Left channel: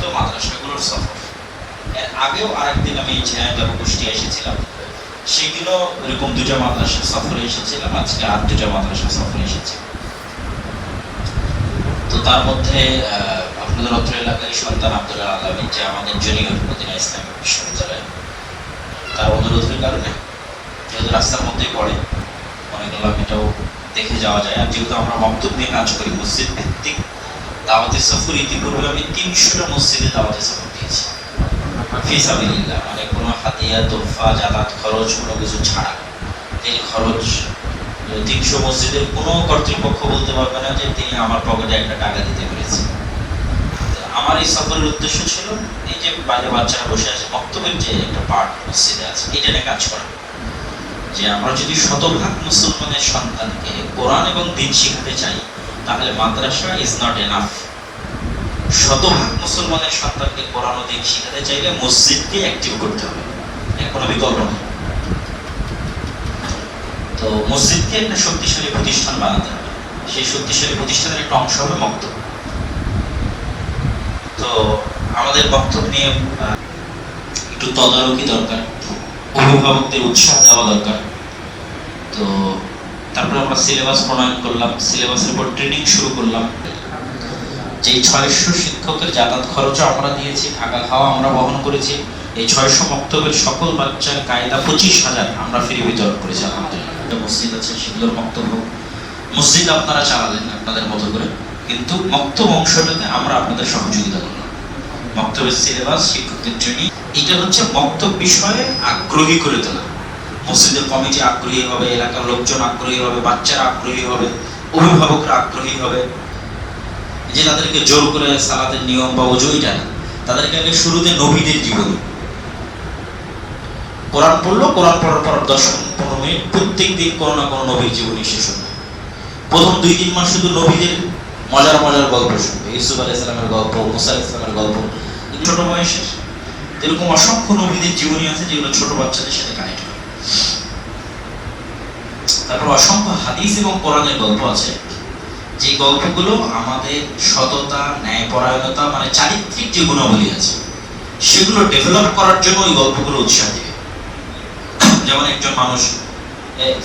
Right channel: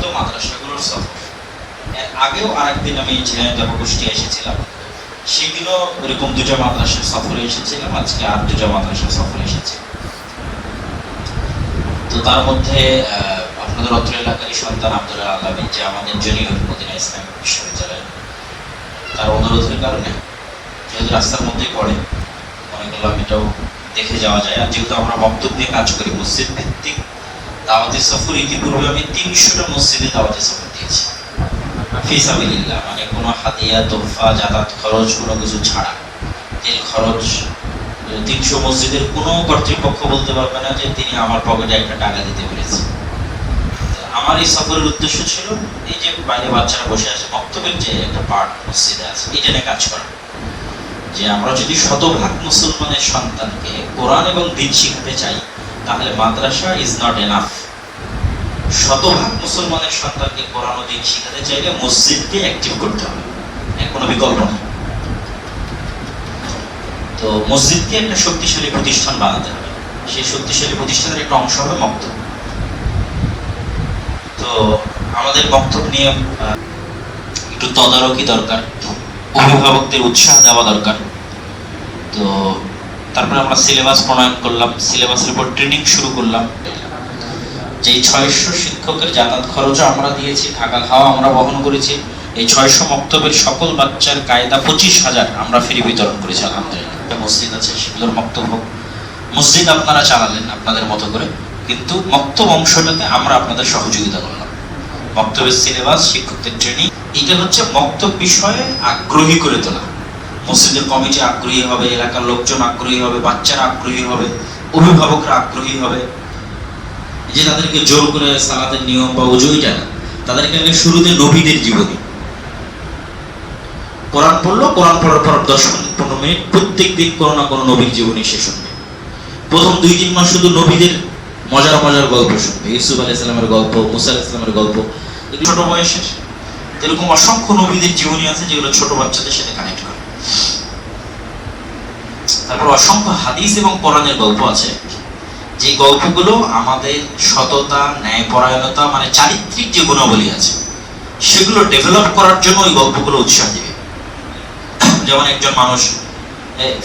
মুক্ত মাদ্রাসাগুলোর সফর। এর আগেও আরেকদিন আমি ঝিনাইদহ কুষ্টিয়া এসেছিলাম, সেদিনও এরকম দুটো মাদ্রাসা সফরে এসেছিলাম, আজকে আর দুটো মাদ্রাসা সফরে এসেছি। তো তার মধ্যে আপনাদের অত্র এলাকায় সন্তান আব্দুল আলমী, যে আমাদের জলিল মদিনা ইসলামিক বিশ্ববিদ্যালয়, তার অনুরোধের কারণে যেহেতু রাস্তার মধ্যেই পড়ে, মনে করলাম এটাও দেখে যাওয়া যায়। আর যেহেতু আমরা বক্তব্য নিয়ে কাজ করি, মসজিদ ভিত্তিক দাওয়াতি সফর, ইতিপূর্বে আমি ৩০০টা মসজিদে দাওয়াতি সফর দিয়েছি ফিসাবিলিল্লাহ, মানে কোনো হাদিয়া তোহফা যাতায়াত খরচ কোনো কিছু ছাড়া, তেল খরচ। ৩০০ মসজিদের কোনো কর্তৃপক্ষ বলতে পারবে না যে তিনি আমার পকেটে একটা টাকা দিতে পেরেছে। আমার এই সফরের উদ্দেশ্য ছিল এই যে বাইরে বাচ্চারা বসে আছে, বক্তব্যের যে একটা পার্ট মসজিদে আছে, এটা নিয়ে কাজ করা। যে আমরা যদি শতভাগ মুসলমানের সন্তানকে কোরআন এবং দ্বীন শিখাতে চাই, তাহলে মাদ্রাসা ইজ নট এনাফ। শতভাগ মুসলমানের সন্তানকে কোরআন ও দ্বীন শিখাতে চাইলে মসজিদকে অ্যাক্টিভ করতে হবে, এর কোনো বিকল্প নেই। তো মসজিদকে একটা শক্তিশালী প্রতিষ্ঠান বানাতে হবে, সেই শক্তিশালী প্রতিষ্ঠানের একটা অংশ হবে মক্তব। তো আমাদের বক্তব্য নিয়ে একটু তদারকি দরকার, অভিভাবকদের উৎসাহ দেওয়া দরকার। তো তারপরে আমরা সিলেবাস প্রণয়ন করলাম, সিলেবাসের উপর ট্রেনিং শুরু করলাম। যে ৬০০ শিক্ষকের যাতায়াত খরচও আমরা দিয়েছি, থাকা খাওয়া আমরা বহন করেছি। এই ৬০০ মক্তবের সকল বাচ্চার কায়দা ২৫,০০০ আমরা ফ্রি বিতরণ করেছি আলহামদুলিল্লাহ। মসজিদ আছে, সেগুলোর মক্তব হোক। মসজিদ আপনারা চালালেন আপনাদের মতো করে, কিন্তু মক্তব অংশটাতে আমরা আপনাদের সহযোগিতা করলাম। মক্তবের সিলেবাস, শিক্ষকদের ট্রেনিং, এটা হচ্ছে মক্তব বিষয়ে আগ্রহী করে তোলা। মসজিদের কমিটি আগ্রহী হবে, এলাকার লোকজন আগ্রহী হবে, বাচ্চারা আগ্রহী হবে, অভিভাবকরা আগ্রহী হবে। যে তাদেরকে জোর করে সালাতের নিয়ম বা ওযু জানা, তাদেরকে আগে শুরুতে নবীদের জীবনী, কোরআন পড়লো, কোরআন পড়ার পর ১০ মিনিট ১৫ মিনিট প্রত্যেক দিন কোনো না কোনো নবীর জীবনী সে শুনবে। প্রথম ২-৩ মাস শুধু নবীদের মজার মজার গল্প শুনবে, ইউসুফ আলাইহিস সালামের গল্প, মুসা আলাইহিস সালামের গল্প, ছোট বয়সের। এরকম অসংখ্য নবীদের জীবনী আছে যেগুলো ছোট বাচ্চাদের সাথে কানেক্ট করে। তারপর অসংখ্য হাদিস এবং কোরআনের গল্প আছে, যে গল্পগুলো আমাদের সততা, ন্যায়পরায়ণতা, মানে চারিত্রিক যে গুণাবলী আছে সেগুলো ডেভেলপ করার জন্য ওই গল্পগুলো উৎসাহ দেবে। যেমন একজন মানুষ,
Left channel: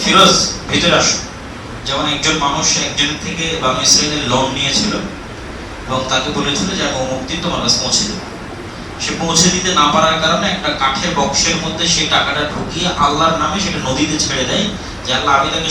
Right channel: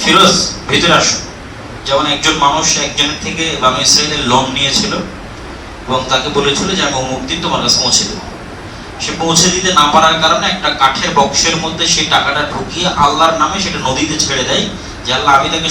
ফিরোজ ভিতরে আসো, যেমন একজন মানুষ একজনের থেকে বানু ইসরাঈলের লোন নিয়েছিল এবং তাকে বলেছিল যে আমি অমুক দিন তোমার কাছে পৌঁছে দেবো। সে পৌঁছে দিতে না পারার কারণে একটা কাঠের বক্সের মধ্যে সেই টাকাটা ঢুকিয়ে আল্লাহর নামে সেটা নদীতে ছেড়ে দেয়, যে আল্লাহ আমি তাকে